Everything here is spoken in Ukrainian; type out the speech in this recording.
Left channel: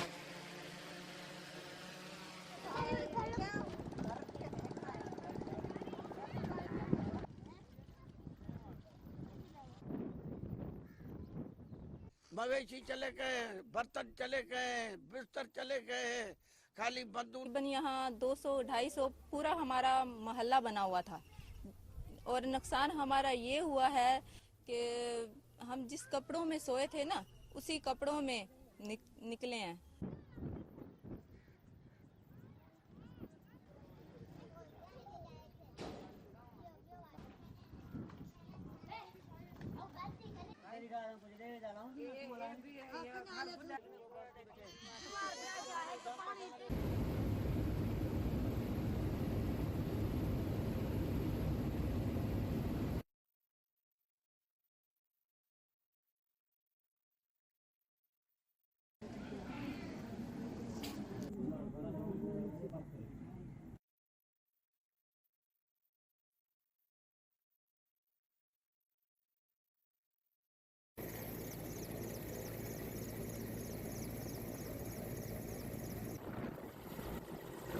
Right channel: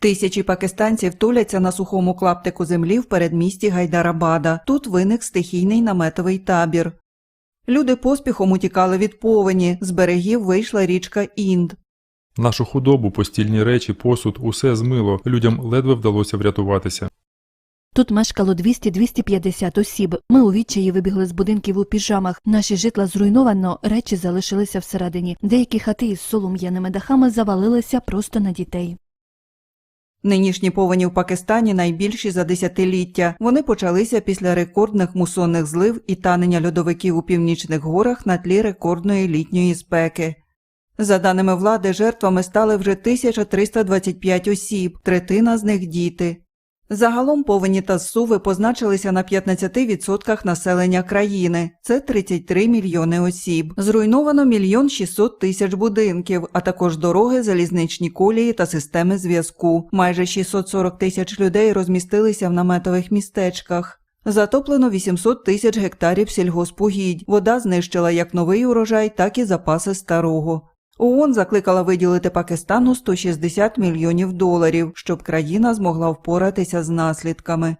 Тисячі пакистанців туляться на сухому клаптику землі в передмісті Гайдарабада. Тут виник стихійний наметовий табір. Люди поспіхом утікали від повені. З берегів вийшла річка Інд. Нашу худобу, постільні речі, посуд, усе змило. Людям ледве вдалося врятуватися. Тут мешкало 200-250 осіб. Ми у відчаї вибігли з будинків у піжамах. Наші житла зруйновано, речі залишилися всередині. Деякі хати із солом'яними дахами завалилися просто на дітей. Нинішні повені в Пакистані найбільші за десятиліття. Вони почалися після рекордних мусонних злив і танення льодовиків у північних горах на тлі рекордної літньої спеки. За даними влади, жертвами стали вже 1325 осіб, третина з них діти. Загалом повені та зсуви позначилися на 15% населення країни. Це 33 мільйони осіб. Зруйновано мільйон 600 тисяч будинків, а також дороги, залізничні колії та системи зв'язку. Майже 640 тисяч людей розмістилися в наметових містечках. Затоплено 800 тисяч гектарів сільгоспугідь. Вода знищила як новий урожай, так і запаси старого. ООН закликала виділити Пакистану 160 мільйонів доларів, щоб країна змогла впоратися з наслідками.